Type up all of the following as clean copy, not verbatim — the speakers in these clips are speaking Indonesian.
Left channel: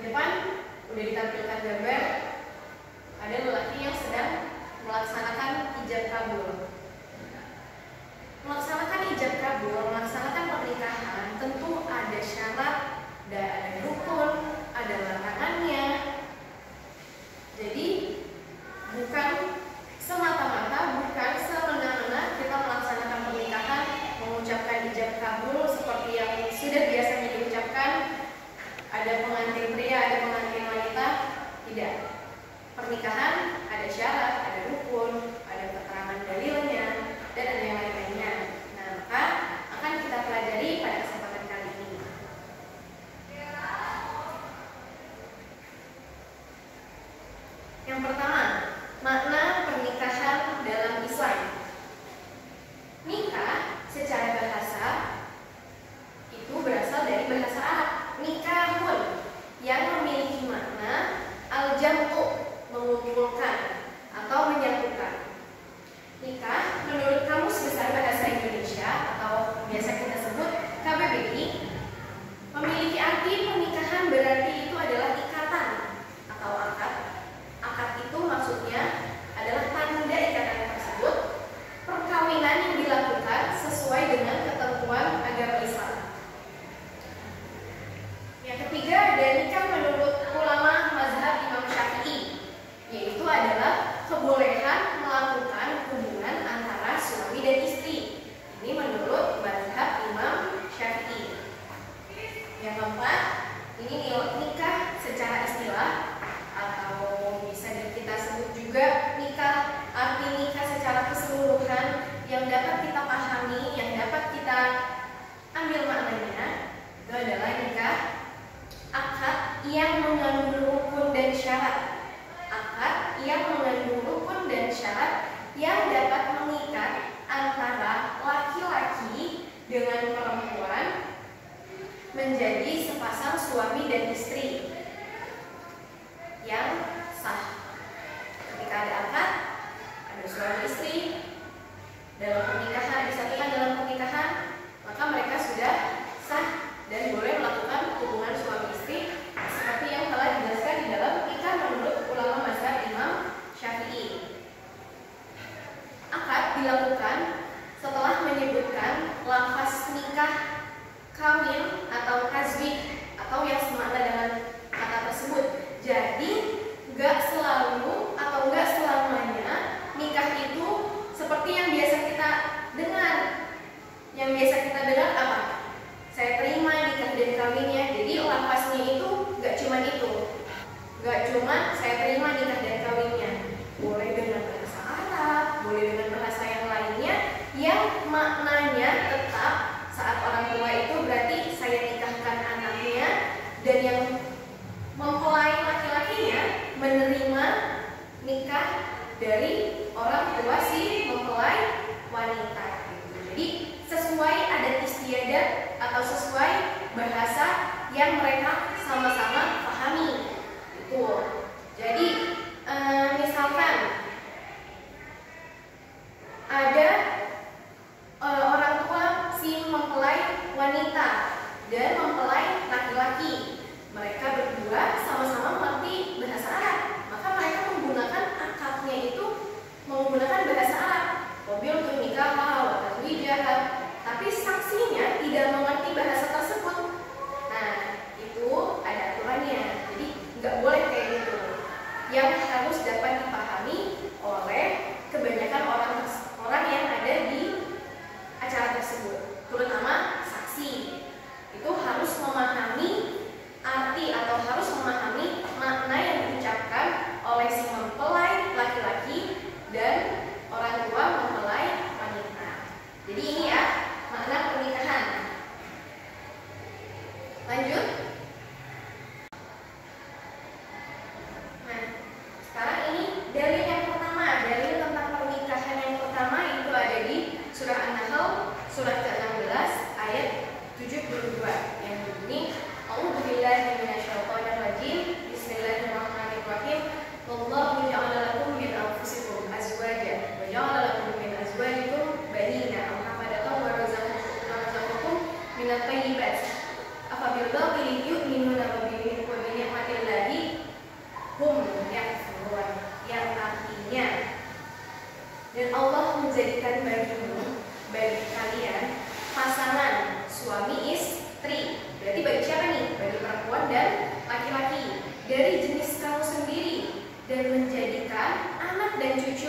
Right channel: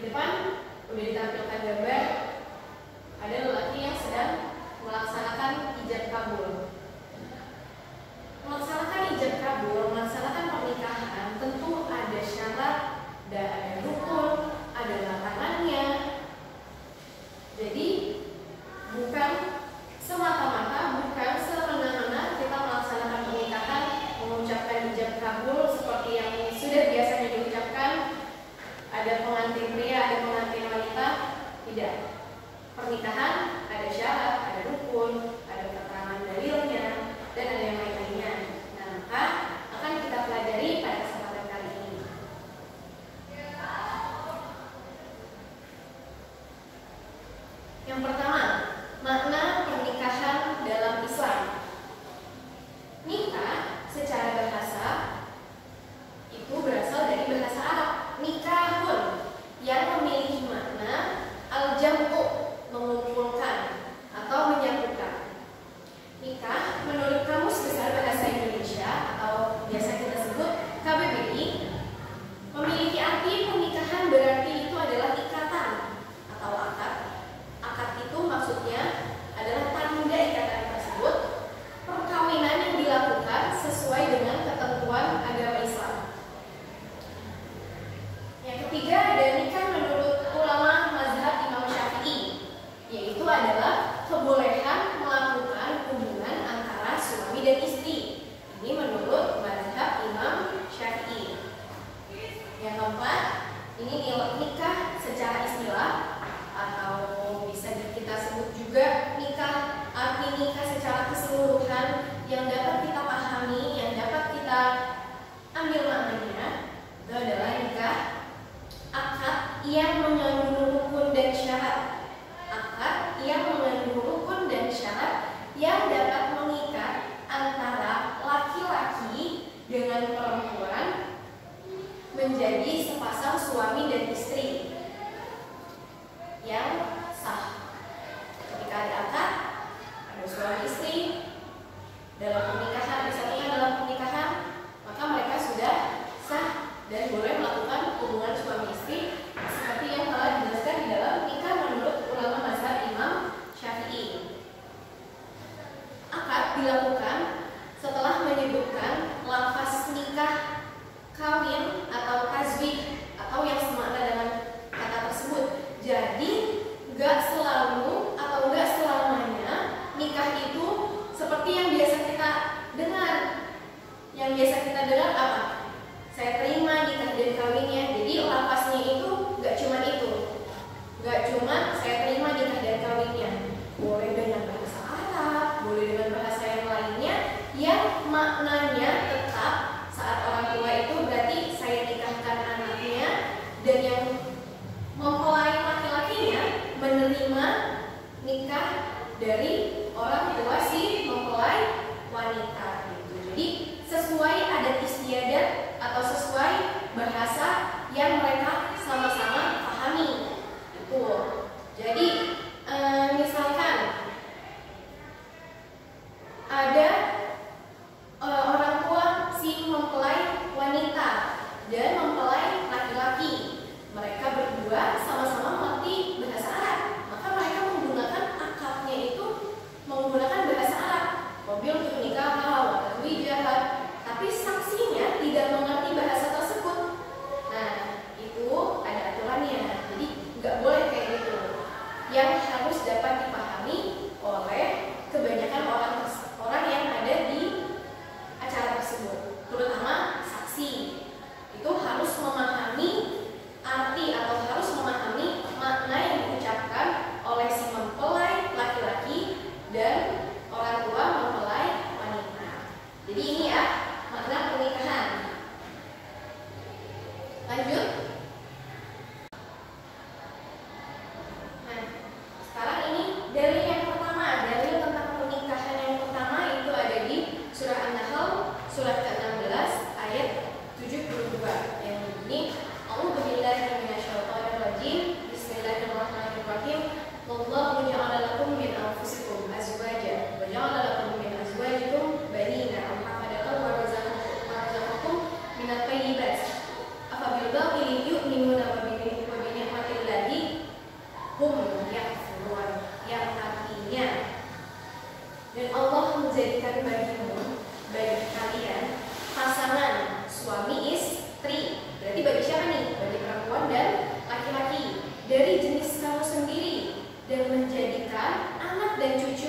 Di depan udah ditampilkan gambar ada lelaki yang sedang melaksanakan ijab kabul. Melaksanakan ijab kabul, melaksanakan pernikahan tentu ada syarat dan ada rukun, ada larangannya. Jadi bukan semata-mata, bukan semena-mena kita melaksanakan pernikahan, mengucapkan ijab kabul seperti yang sudah biasanya diucapkan, ada pengantin pria, ada pengantin wanita. Tidak. Pernikahan ada syarat, ada rukun, ada keterangan dalilnya, dan ada yang lain-lainnya. Nah, maka akan kita pelajari pada kesempatan kali ini. Yang pertama, makna pernikahan dalam Islam. Nikah secara bahasa itu berasal dari bahasa Arab, nikahun, yang memiliki makna al-jam'u, mengumpulkan atau menyatukan. Nikah menurut Kamus Besar Bahasa Indonesia atau biasa kita sebut KBBI memiliki arti pernikahan berarti itu adalah ikatan atau akad. Akad itu maksudnya adalah tanda ikatan tersebut, perkawinan yang dilakukan sesuai dengan ketentuan agama Islam. Yang ketiga ada nikah menurut ulama mazhab Imam Syafi'i, yaitu adalah kebolehan melakukan hubungan antara suami dan istri. Ini menurut mazhab Imam Syafi'i. Yang keempat, ini nikah secara istilah atau bisa kita sebut juga nikah, arti nikah secara keseluruhan yang dapat kita pahami, yang dapat kita ambil maknanya, itu adalah nikah akad yang mengandung rukun dan syarat. Akad yang mengandung rukun dan syarat yang dapat mengikat antara laki-laki dengan perempuan menjadi sepasang suami dan istri yang sah. Ketika ada akad, ada suami istri dalam pernikahan, disatukan dalam pernikahan, maka mereka sudah sah dan boleh melakukan hubungan suami istri seperti yang telah dijelaskan di dalam nikah menurut ulama mazhab Imam Syafi'i. Akad dilakukan setelah menyebutkan lafaz nikah, kawin atau tazwij atau yang semakna dengan kata tersebut. Jadi gak selalu atau gak selamanya nikah itu seperti yang biasa kita dengar. Yang biasa kita dengar apa? Saya terima nikah dan kawinnya. Jadi lafaznya itu gak cuma itu. Gak cuma saya terima nikah dan kawinnya. Boleh dengan bahasa Arab, boleh dengan bahasa yang lainnya, yang maknanya tetap saat orang tua itu berarti saya nikahkan anaknya, dan yang mempelai laki-lakinya menerima nikah dari orang tua si mempelai wanita gitu. Jadi sesuai adat istiadat atau sesuai bahasa yang mereka sama-sama pahami itu. Jadi misalkan ada orang tua si mempelai wanita dan mempelai laki-laki, mereka berdua sama-sama mengerti bahasa Arab, maka mereka menggunakan akadnya itu menggunakan bahasa Arab. Mobil untuk nikah wa tazwijah, tapi saksinya tidak mengerti bahasa tersebut. Nah, itu ada aturannya. Jadi nggak boleh kayak gitu. Yang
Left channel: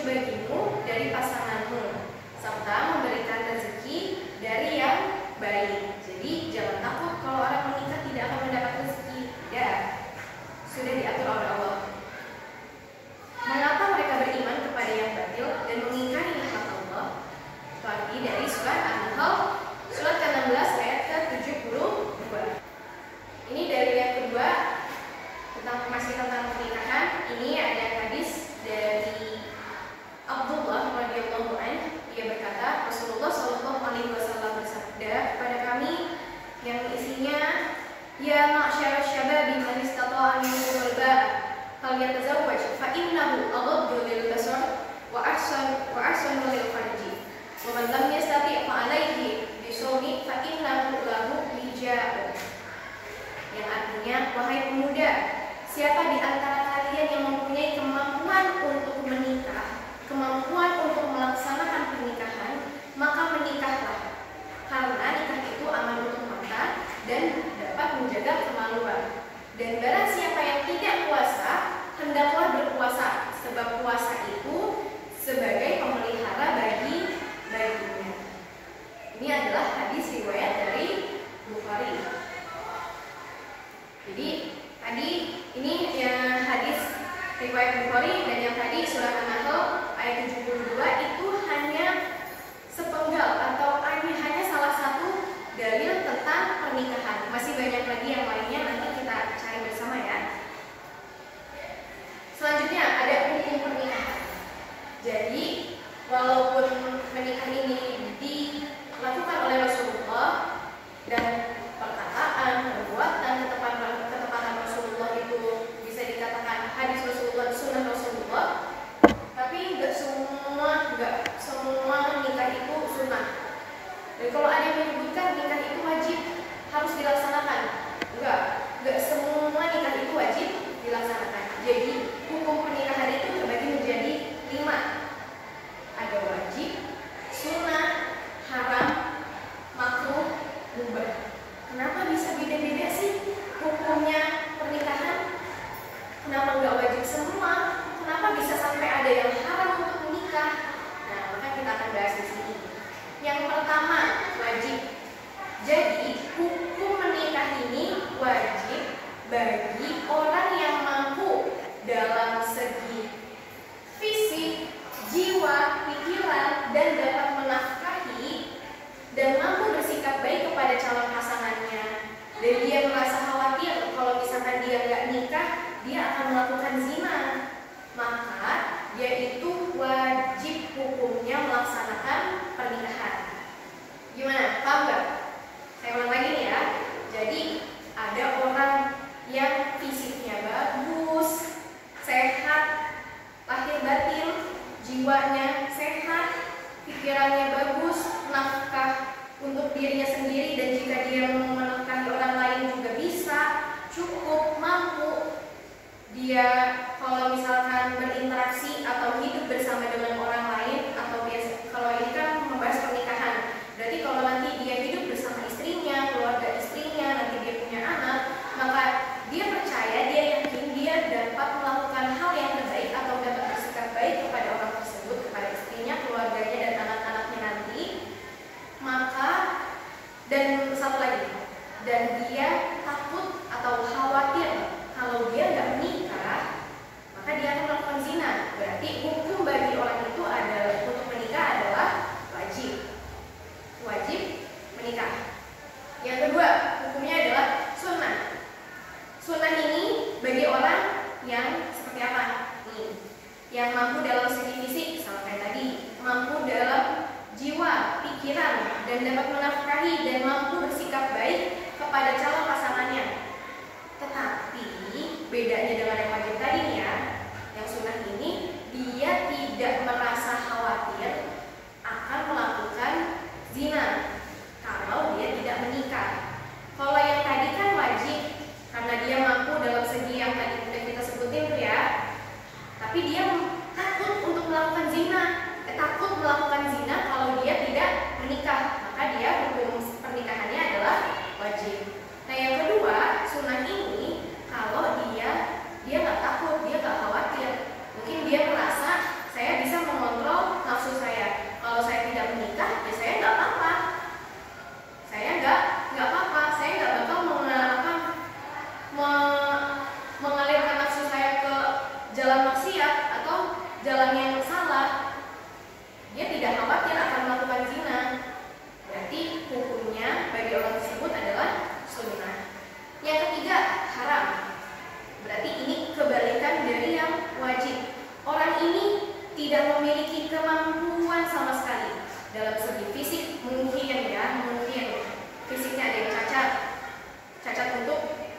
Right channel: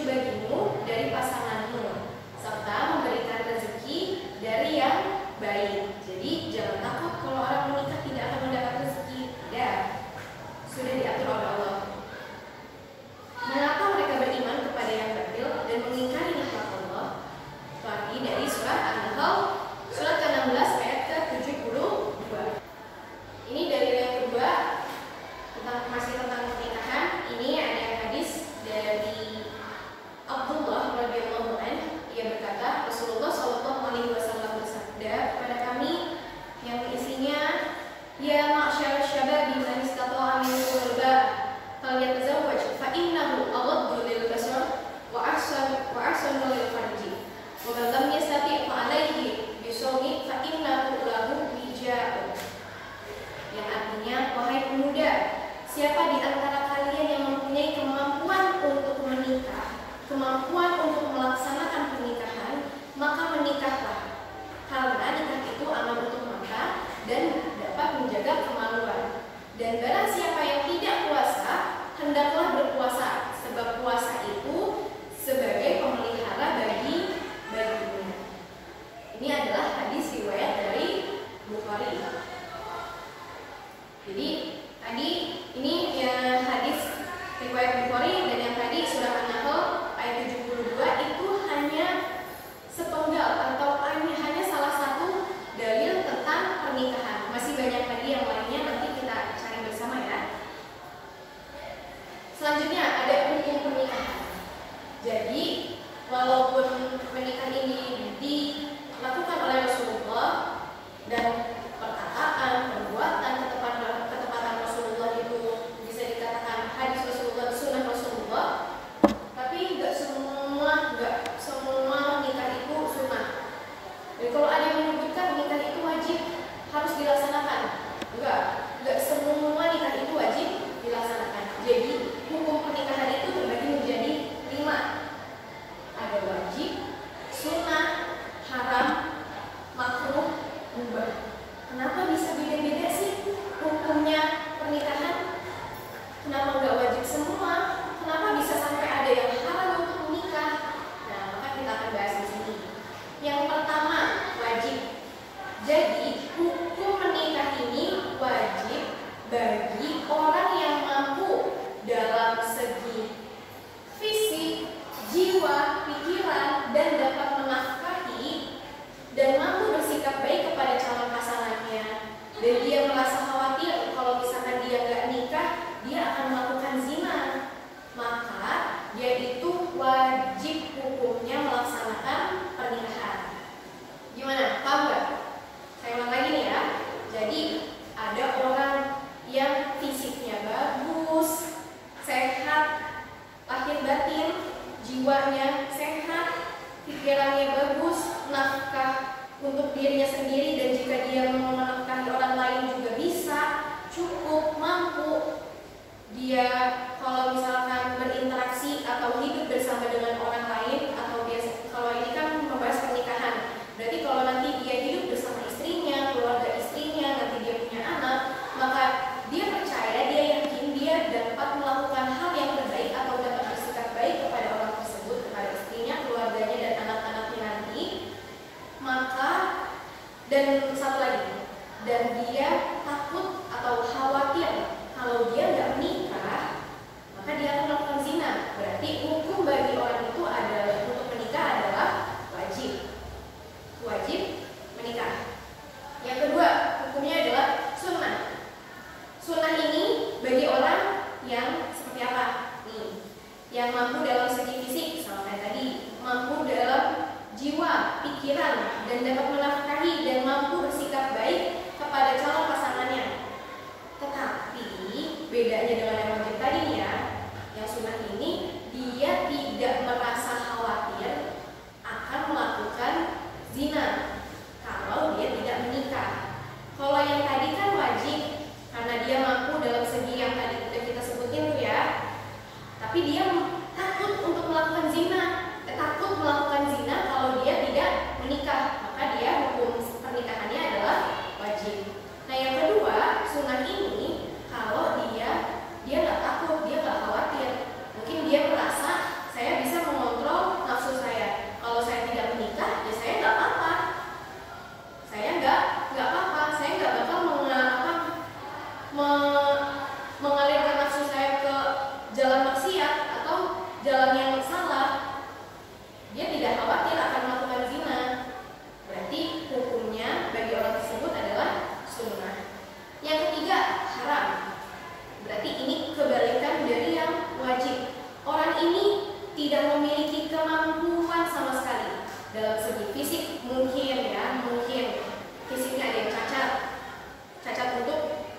cucu bagimu dari pasanganmu, serta memberikan rezeki dari yang baik. Jadi jangan takut kalau orang menikah tidak akan mendapat rezeki. Tidak, sudah diatur oleh Allah. Mengapa mereka beriman kepada yang batil dan mengingkari nikmat Allah? Lagi dari surat An-Nahl, surat ke-16 ayat ke-72. Ini dalil yang kedua masih tentang pernikahan. Ini ada hadis dari Abdullah radhiyallahu anhu. Ia berkata, Rasulullah shallallahu alaihi wasallam bersabda kepada kami yang isinya, ya ma'syar syabab man istata'a minkum al-ba'a falyatazawwaj fa innahu aghaddu lil basar wa ahsanu lil farji wa man lam yastati' fa alayhi bisawmi fa innahu lahu wija'un. Yang artinya, wahai pemuda, siapa di antara kalian yang mempunyai kemampuan untuk menikah, kemampuan untuk melaksanakan pernikahan, maka menikahlah. Karena nikah itu aman untuk mata dan dapat menjaga kemaluan. Dan barang siapa yang tidak puasa, hendaklah berpuasa, sebab puasa itu sebagai pemelihara baginya. Ini adalah hadis riwayat dari Bukhari. Jadi tadi ini ya hadis riwayat Bukhari, dan yang tadi surat An-Nahl ayat 72 itu hanya sepenggal atau hanya salah satu dalil tentang pernikahan. Masih banyak lagi yang lainnya, nanti kita cari bersama ya. Selanjutnya ada hukum pernikahan. Jadi walaupun pernikahan ini dilakukan oleh Rasulullah dan perkataan, perbuatan, ketepatan Rasulullah itu bisa dikatakan hadis Rasulullah, sunnah Rasulullah, tapi nggak semua nikah itu sunnah. Dan kalau ada yang menyebutkan nikah itu wajib harus dilaksanakan, nggak semua nikah itu wajib dilaksanakan. Jadi hukum pernikahan itu terbagi menjadi 5. Ada wajib, sunnah, haram, makruh, mubah. Kenapa bisa beda-beda sih hukumnya pernikahan? Kenapa nggak wajib semua? Kenapa bisa sampai ada yang haram untuk menikah? Nah, maka kita akan bahas di sini. Yang pertama, wajib. Jadi, hukum menikah ini wajib bagi orang yang mampu dalam segi fisik, jiwa, pikiran, dan dapat menafkahi dan mampu bersikap baik kepada calon pasangannya. Dan dia merasa khawatir kalau misalkan dia nggak nikah, dia akan melakukan zina. Maka dia itu wajib hukumnya melaksanakan pernikahan. Gimana? Paham nggak? Saya ulang lagi nih ya. Jadi ada orang yang fisiknya bagus, sehat, lahir batin, jiwanya sehat, pikirannya bagus, nafkah untuk dirinya sendiri, dan jika dia mau menafkahi orang lain juga bisa, cukup, mampu. Dia kalau misalkan berinteraksi atau hidup bersama dengan orang lain, atau biasa, kalau ini kan membahas pernikahan, berarti kalau nanti dia hidup bersama istrinya, keluarga istrinya, nanti dia punya anak, maka dia percaya, dia yakin dia dapat melakukan hal yang terbaik atau dapat bersikap baik kepada orang tersebut, kepada istrinya, keluarganya, dan anak-anaknya nanti. Maka, dan satu lagi,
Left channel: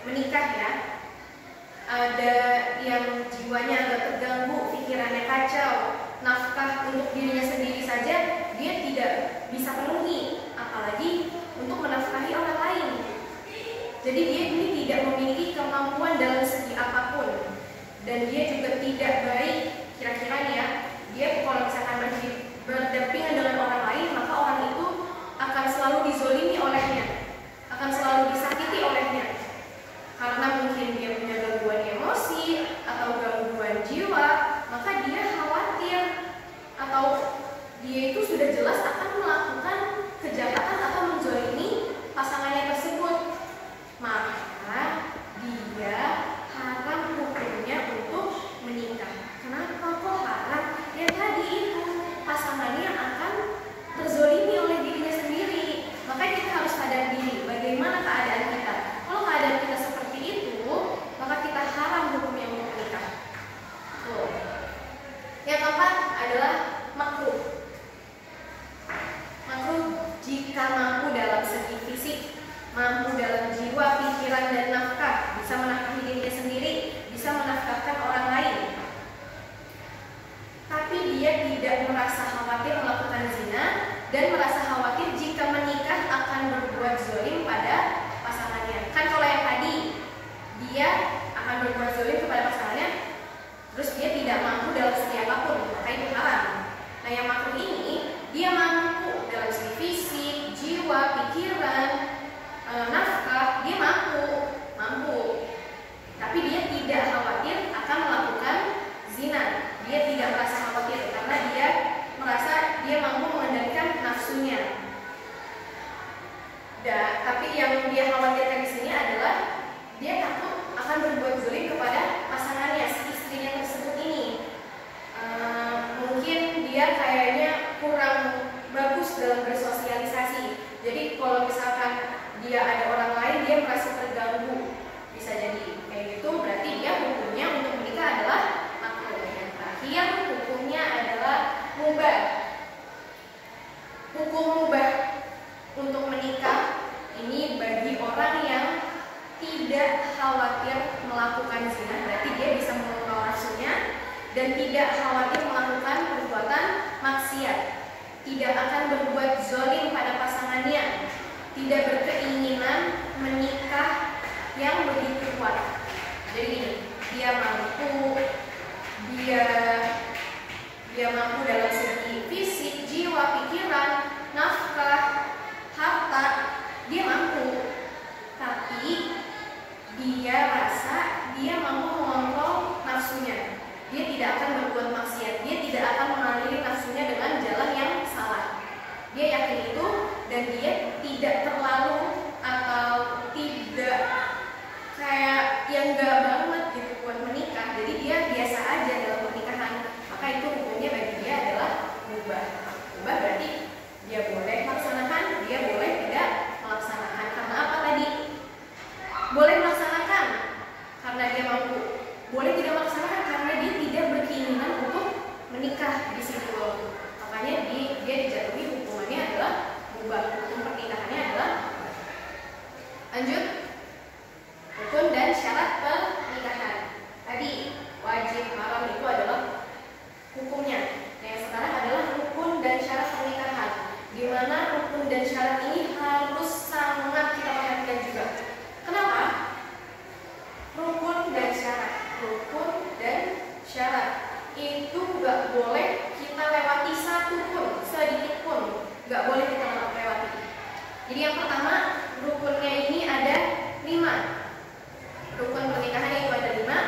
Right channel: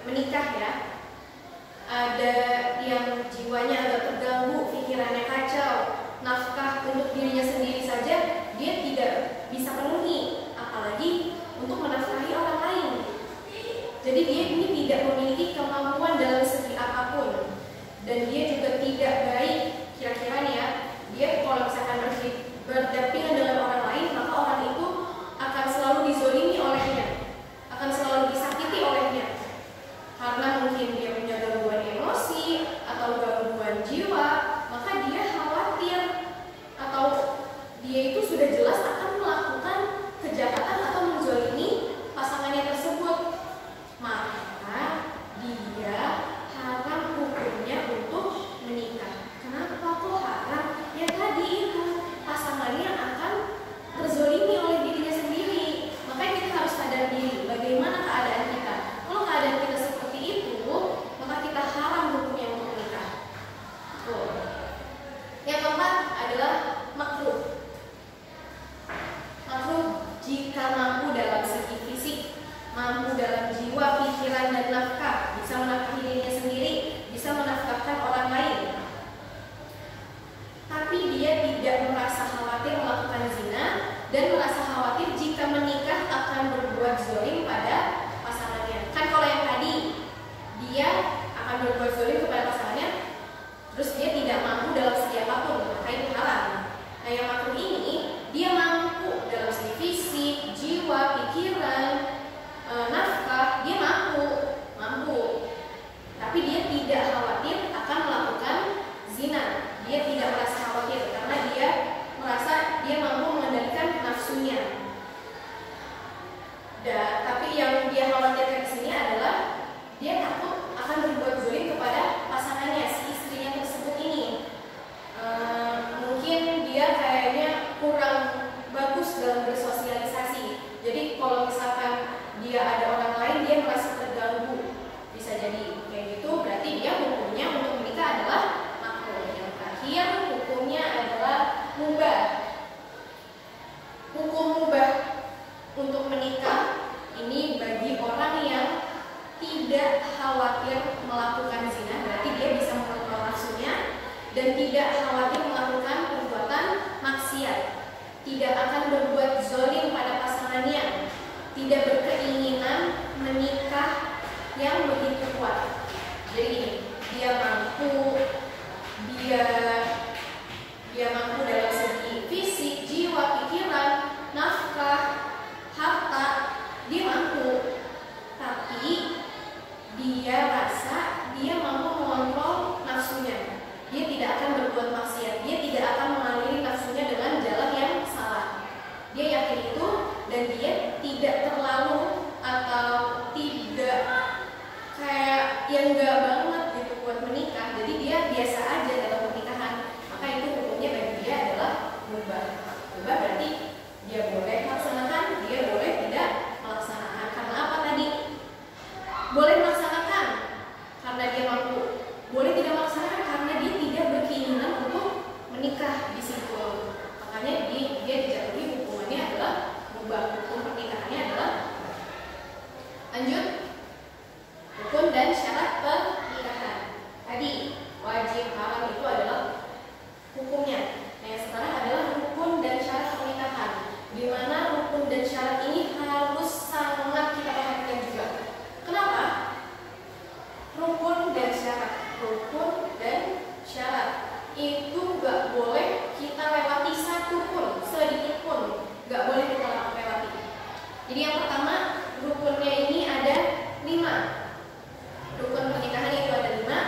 menikah ya, ada yang jiwanya agak terganggu, pikirannya kacau, nafkah untuk dirinya sendiri saja dia tidak bisa penuhi, apalagi untuk menafkahi orang lain. Jadi dia ini tidak memiliki kemampuan dalam segi apapun, dan dia juga tidak baik. Kira-kira nih ya, dia kalau misalkan berdampingan dengan orang lain, maka orang itu akan selalu dizolimi olehnya, akan selalu disakiti olehnya, karena mungkin dia punya gangguan emosi atau gangguan jiwa, maka dia khawatir atau dia itu sudah jelas akan melakukan kejahatan atau menzolimi pasangannya tersebut. Maka dia haram hukumnya untuk menikah. Kenapa kok haram? Ya tadi itu, pasangannya akan terzolimi oleh dirinya sendiri. Makanya kita harus sadar diri bagaimana keadaan kita. Kalau keadaan kita seperti itu, maka kita haram hukumnya untuk menikah. Tuh. Yang keempat adalah makruh. Makruh jika mampu dalam segi fisik, mampu dalam jiwa, pikiran, dan nafkah, bisa menafkahi dirinya sendiri, bisa menafkahkan orang lain. Tapi dia tidak merasa khawatir melakukan zina dan merasa khawatir jika menikah akan berbuat zolim pada pasangannya. Kan kalau yang tadi dia akan berbuat zolim kepada pasangannya, terus dia tidak mampu dalam segi apapun, maka itu haram. Nah yang makruh ini dia mampu dalam segi fisik, jiwa, pikiran, nafkah, dia mampu, tapi dia tidak khawatir akan melakukan zina. Dia tidak merasa khawatir karena dia merasa dia mampu mengendalikan nafsunya. Tapi yang dia khawatirkan di sini adalah dia takut akan berbuat zalim kepada pasangannya, si istrinya tersebut ini. Mungkin dia kayaknya kurang bagus dalam bersosialisasi. Jadi kalau misalkan dia ada orang lain, dia merasa terganggu, bisa jadi kayak gitu. Berarti dia hukumnya untuk menikah adalah makruh. Yang terakhir hukumnya adalah mubah. Hukum mubah untuk menikah ini bagi orang yang tidak khawatir melakukan zina, berarti dia bisa mengontrol nafsunya, dan tidak khawatir melakukan perbuatan maksiat, tidak akan berbuat zalim pada pasangannya, tidak berkeinginan menikah yang begitu kuat. Jadi dia mampu dalam segi fisik, jiwa, pikiran, nafkah, harta, dia mampu. Tapi dia rasa dia mampu mengontrol nafsunya. Dia tidak akan berbuat maksiat, dia tidak akan mengaliri nafsunya dengan jalan yang salah. Dia yakin itu, dan dia tidak terlalu atau tidak kayak yang enggak banget gitu buat menikah. Jadi dia biasa aja dalam pernikahan. Maka itu hukumnya bagi dia adalah mubah. Mubah berarti dia boleh melaksanakan, dia boleh tidak melaksanakan. Karena apa tadi? Boleh melaksanakan karena dia mampu. Boleh tidak melaksanakan karena dia tidak berkeinginan untuk menikah di situ. Makanya dia dijatuhi hukumannya adalah mubah. Hukum pernikahannya adalah mubah. Lanjut. Rukun dan syarat pernikahan. Tadi wajib, haram itu adalah hukumnya. Nah yang sekarang adalah rukun dan syarat pernikahan. Di mana rukun dan syarat ini harus sangat kita perhatikan juga. Kenapa? Rukun dan syarat. Rukun dan syarat itu gak boleh kita lewati satu pun, sedikit pun gak boleh kita lewati. Jadi yang pertama, rukunnya ini ada 5. Rukun pernikahan itu ada 5.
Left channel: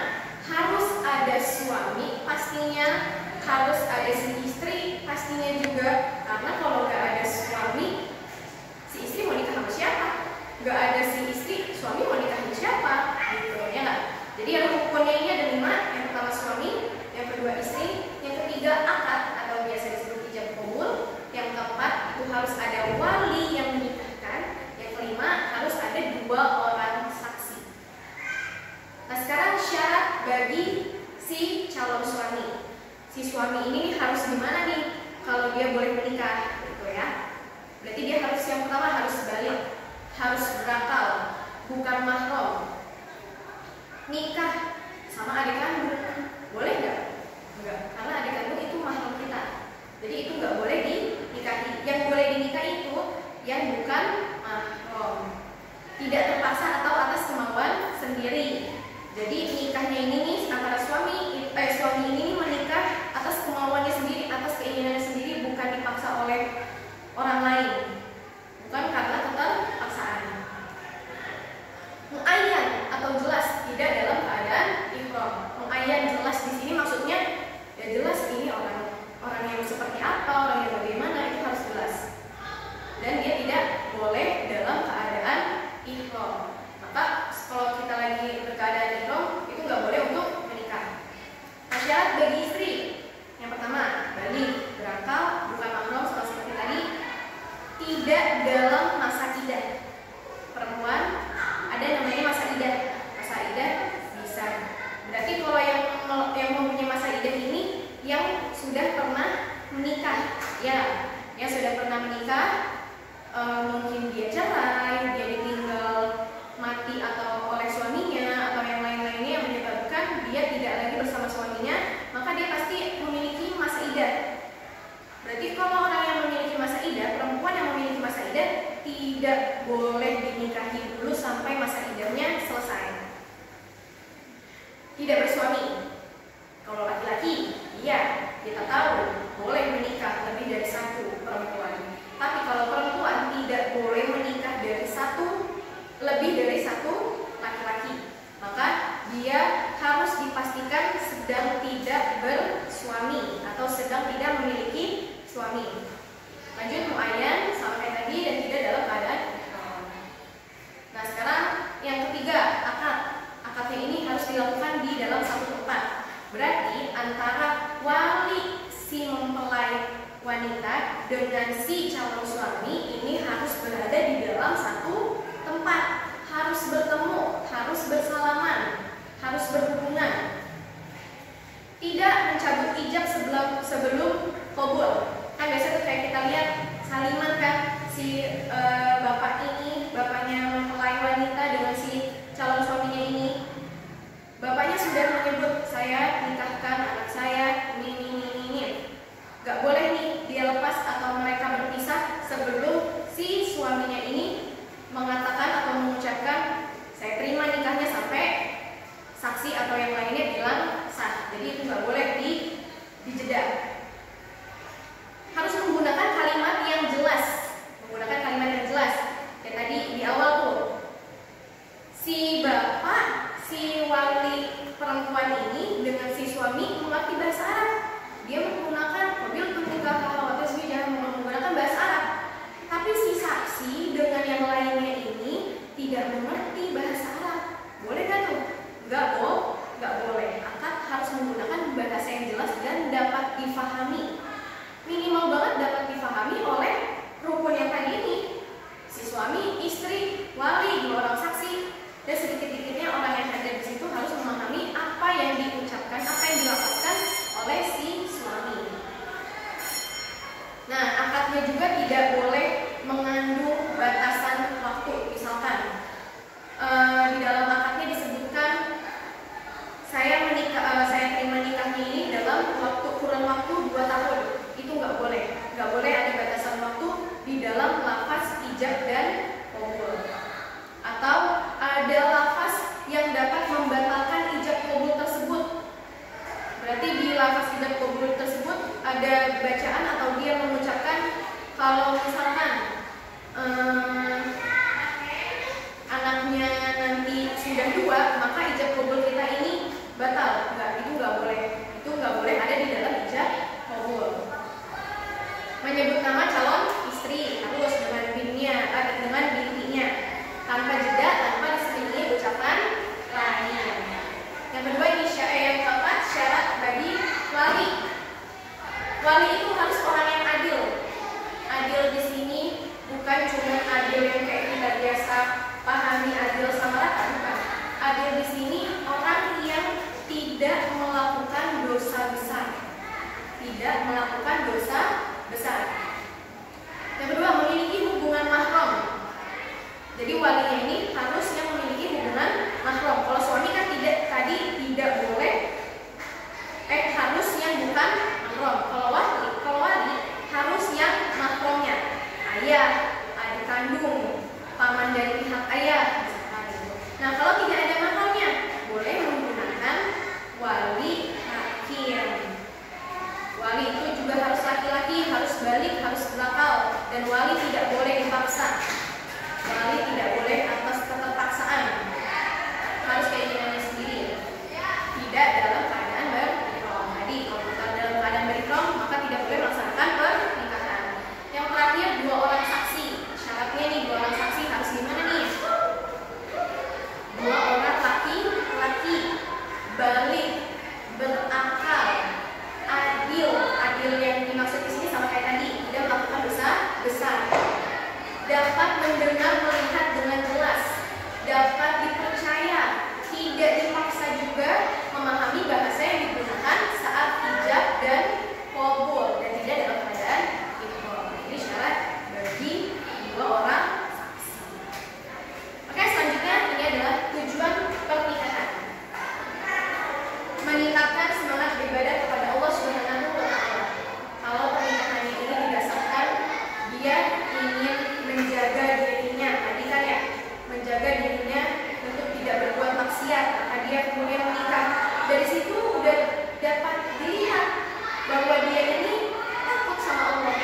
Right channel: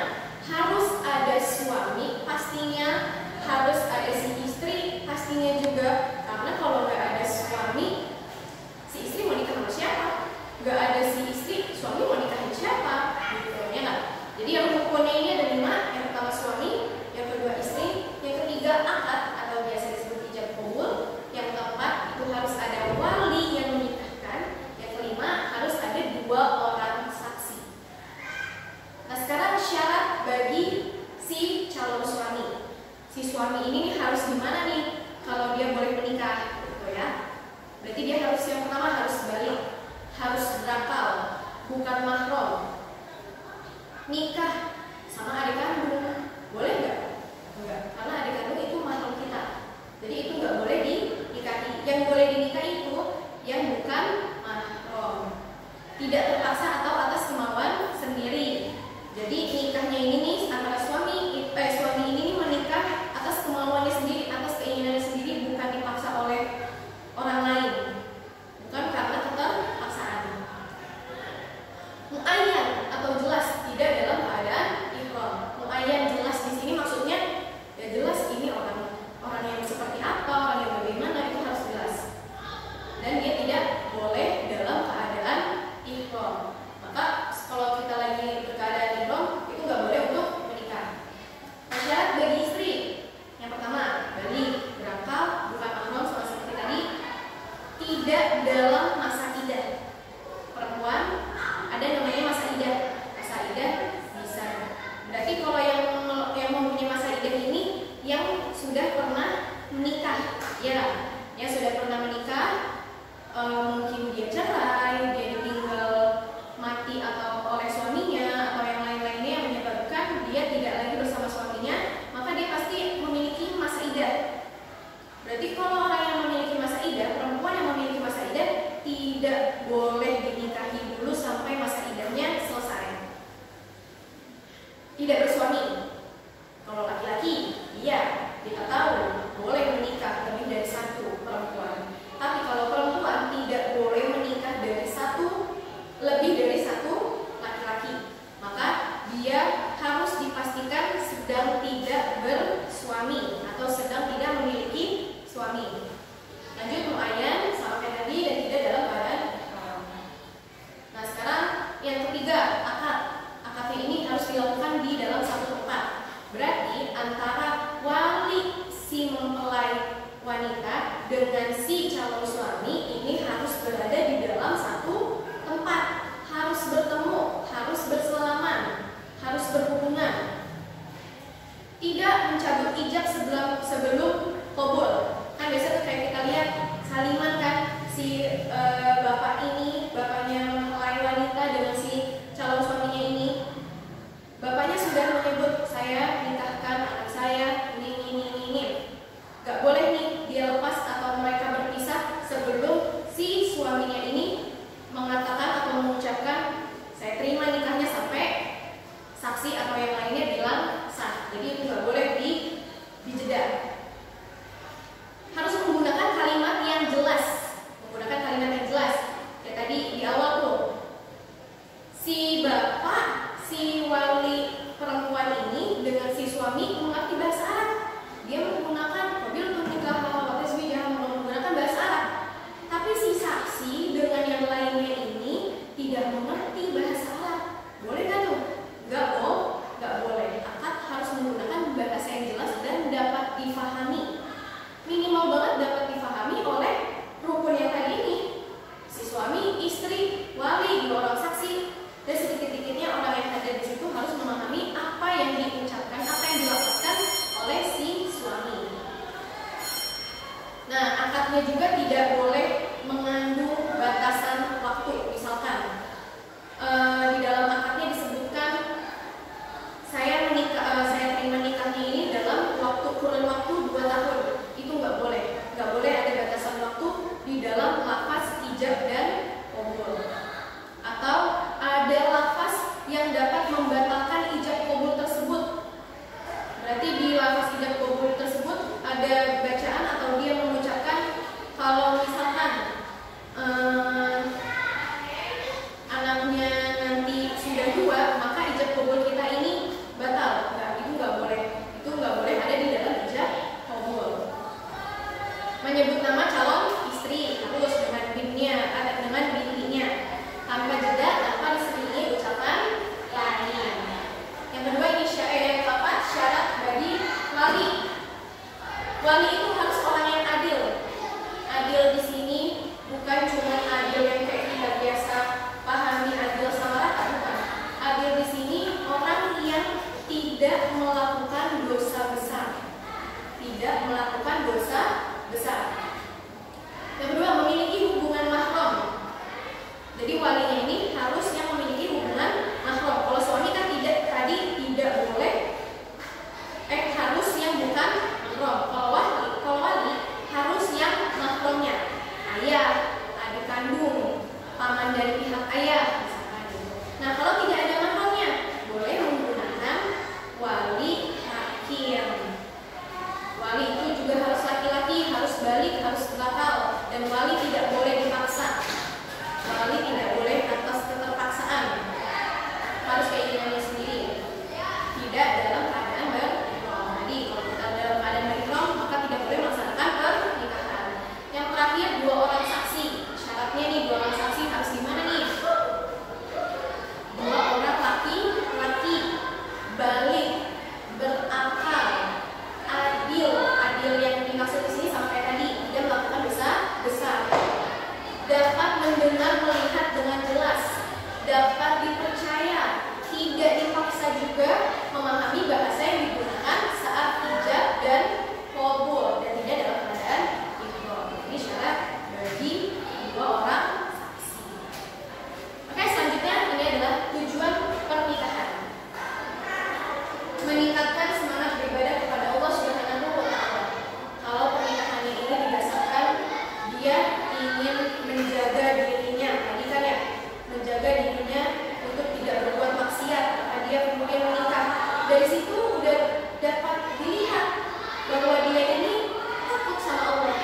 Harus ada suami pastinya, harus ada si istri pastinya juga. Karena kalau gak ada suami, si istri mau nikah sama siapa? Gak ada si istri, suami mau nikahin siapa? Gitu ya nggak? Jadi yang rukunnya ini ada 5. Yang pertama suami, yang kedua istri, yang ketiga akad atau biasa disebut ijab qabul, yang keempat itu harus ada wali yang menikahkan, yang kelima harus ada 2 orang saksi. Nah sekarang syarat bagi si calon suami. Si suami ini harus gimana nih kalau dia boleh menikah gitu ya? Berarti dia harus, yang pertama harus balik, harus berakal, bukan mahram. nikah sama adik kandung, boleh nggak? Enggak, karena adik kandung itu mahram kita. Jadi itu nggak boleh dinikahi. Yang boleh dinikahi itu yang bukan mahram, tidak terpaksa atau atas kemauan sendiri. Jadi nikahnya ini nih antara suami ini nih menikah atas kemauannya sendiri, atas keinginannya sendiri, bukan dipaksa oleh orang lain, bukan karena keterpaksaan. Muayyan atau jelas tidak dalam keadaan ihram. Muayyan jelas di sini maksudnya ya jelas ini orang yang seperti apa, orang yang bagaimana, itu harus jelas. Dan dia tidak boleh dalam keadaan ihram. Maka kalau kita lagi berkeadaan ihram itu nggak boleh untuk menikah. Syarat bagi istri yang pertama, balik, berakal, bukan mahram sama seperti tadi, tidak dalam masa idah. Perempuan ada namanya masa idah. Masa idah bisa. Berarti kalau yang mempunyai masa idah ini yang sudah pernah menikah, ya, yang sudah pernah menikah, mungkin dia cerai, dia ditinggal mati atau oleh suaminya atau yang lain-lainnya yang menyebabkan dia tidak lagi bersama suaminya, maka dia pasti memiliki masa idah. Berarti kalau orang yang memiliki masa idah, perempuan yang memiliki masa idah tidak boleh dinikahi dulu sampai masa idahnya selesai. Tidak bersuami. Kalau laki-laki, iya, kita tahu boleh menikah lebih dari satu perempuan. Tapi kalau perempuan tidak boleh menikah lebih dari satu laki-laki, maka dia harus dipastikan sedang tidak bersuami atau sedang tidak memiliki suami. Lanjut, muayyan sama kayak tadi dan tidak dalam keadaan ihram. Nah sekarang yang ketiga, akad. Akadnya ini harus dilakukan di dalam satu tempat. Berarti antara wali si mempelai wanita dengan si calon suami ini harus berada di dalam satu tempat, harus bertemu, harus bersalaman, harus berhubungan. Tidak mencabut ijab sebelum qabul. Kan biasa tuh kayak kita lihat saliman kan, si bapak ini, bapaknya mempelai wanita dengan si calon suaminya ini, bapaknya sudah menyebut saya nikahkan anak saya ini. Gak boleh nih dia lepas atau mereka berpisah sebelum si suaminya ini mengatakan atau mengucapkan saya terima nikahnya sampai saksi atau yang lainnya bilang sah. Jadi itu gak boleh dijeda. Harus menggunakan kalimat yang jelas. Kayak tadi di awal tuh, si bapak, si wali perempuan ini dengan si suami mengerti bahasa Arab. Dia menggunakan mobil menikah kalau menggunakan bahasa Arab. Tapi si saksi dengan yang lainnya ini tidak mengerti bahasa Arab. Boleh kan tuh? Gak boleh. Akad harus menggunakan bahasa yang jelas dan dapat difahami. Minimal banget dapat difahami oleh rukun yang tadi ini. Si suami, istri, wali, 2 orang saksi, dan sedikit-sedikitnya orang yang hadir di situ harus memahami apa yang diucapkan, apa yang dilafazkan oleh si suami. Nah, akadnya juga tidak boleh mengandung batasan waktu. Misalkan di dalam akadnya disebutkan saya terima nikahnya ini dalam kurun waktu 2 tahun. Itu nggak boleh. Nggak boleh ada batasan waktu di dalam lafaz ijab dan qabul. Atau ada lafaz yang dapat membatalkan ijab qabul tersebut. Berarti di lafaz ijab qabul tersebut ada bacaan atau dia mengucapkan kalau misalkan anaknya nanti sudah 2, maka ijab qabul kita ini batal. Itu nggak boleh. Itu nggak boleh ada di dalam ijab qabul. Menyebut nama calon istri harus dengan bintinya, tanpa jeda, tanpa diselingi ucapan lain. Yang kedua ini yang keempat, syarat bagi wali. Wali itu harus orang yang adil. Adil di sini bukan cuma adil yang kayak kita biasa pahami adil sama rata, bukan. Adil di sini orang yang tidak melakukan dosa besar. Tidak melakukan dosa besar. Yang kedua, memiliki hubungan mahram. Jadi walinya ini harusnya memiliki hubungan mahram. Kalau suami kan tidak balik, berakal, adil. Adil yang dimaksud di sini sama kayak tadi, tidak melakukan dosa besar. Dapat mendengar, melihat dengan jelas, dapat dipercaya, tidak dipaksa juga, memahami bahasa yang digunakan saat hijab dan qabul, dan tidak dalam keadaan ihram. Ini syarat bagi dua orang saksi. Oke, selanjutnya ini adalah tujuan pernikahan. Meningkatkan semangat beribadah kepada Allah Subhanahu wa Ta'ala. Kalau pernikahannya ini didasarkan dia ingin menjaga dirinya, tadi kan ya, menjaga dirinya untuk tidak berbuat maksiat, maka dia kemudian menikah. Dari situ udah dapat dilihat bahwa dia ini takut sama Allah,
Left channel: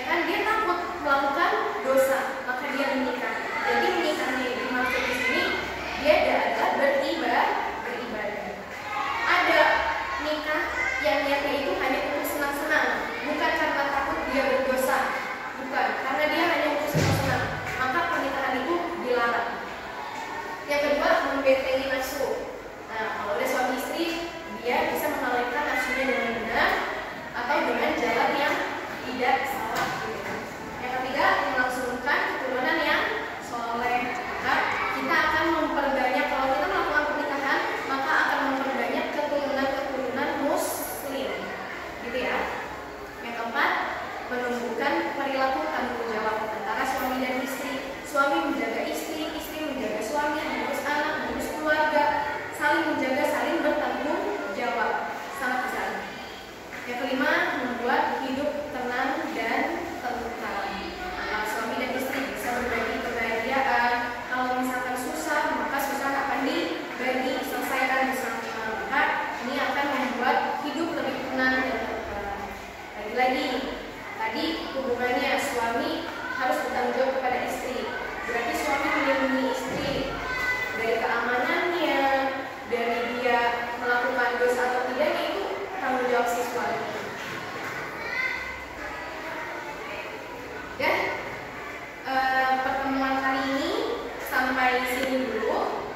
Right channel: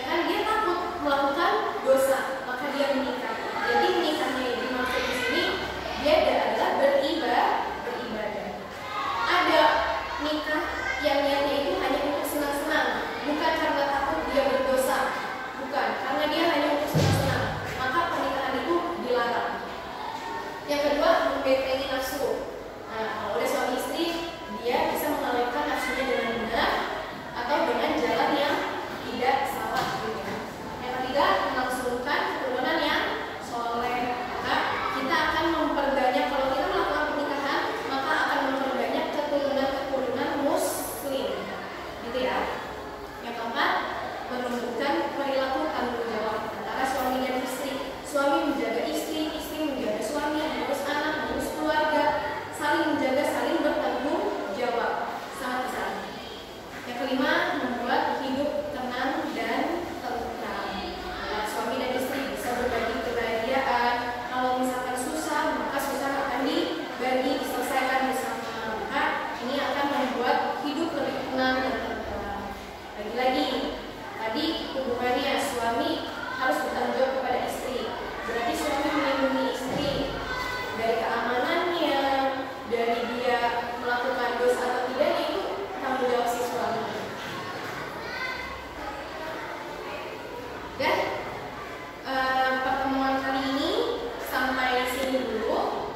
ya kan, dia takut melakukan dosa, maka dia menikah. Jadi menikahnya yang dimaksud di sini dia adalah beribadah. Ada nikah yang niatnya itu hanya untuk senang-senang, bukan karena takut dia berdosa, bukan, karena dia hanya untuk senang-senang, maka pernikahan itu dilarang. Yang kedua, membentengi nafsu. Nah, kalau udah suami istri, dia bisa mengalirkan nafsunya dengan benar atau dengan jalan yang tidak salah. Yang ketiga, melangsungkan keturunan yang soleh. Maka kita akan memperbanyak, kalau kita melakukan pernikahan, maka akan memperbanyak keturunan muslim, gitu ya. Yang keempat, menumbuhkan perilaku tanggung jawab antara suami dan istri. Suami menjaga istri, istri menjaga suami, mengurus anak, mengurus keluarga, saling menjaga, saling bertanggung jawab, sangat besar. Yang kelima, membuat hidup tenang dan tentram. Antara suami dan istri bisa berbagi kebahagiaan. Kalau misalkan susah, maka susah akan dibagi, diselesaikan bersama. Maka ini akan membuat hidup lebih tenang dan tentram. Lagi-lagi, tadi hubungannya suami harus bertanggung jawab kepada istri. Berarti suami melindungi istri dari keamanannya, dari dia melakukan dosa atau tidaknya, itu tanggung jawab si suami. Ya, pertemuan kali ini sampai sini dulu.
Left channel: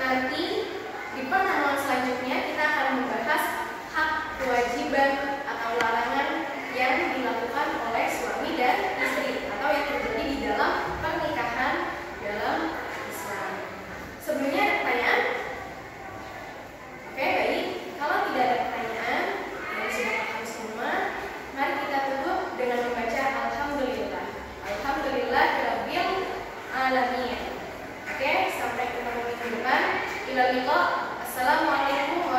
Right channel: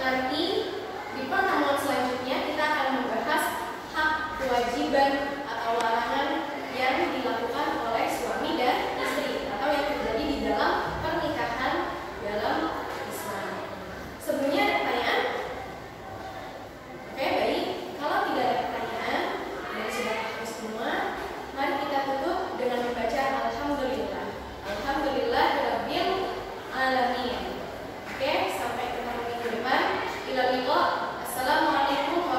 Nanti di pertemuan selanjutnya kita akan membahas hak, kewajiban atau larangan yang dilakukan oleh suami dan istri atau yang terjadi di dalam pernikahan dalam Islam. Sebelumnya ada pertanyaan? Oke, baik. Kalau tidak ada pertanyaan, dan sudah paham semua, mari kita tutup dengan membaca Alhamdulillah. Alhamdulillahirabbil alamin. Oke, sampai ketemu minggu depan. Ila liqa. Assalamualaikum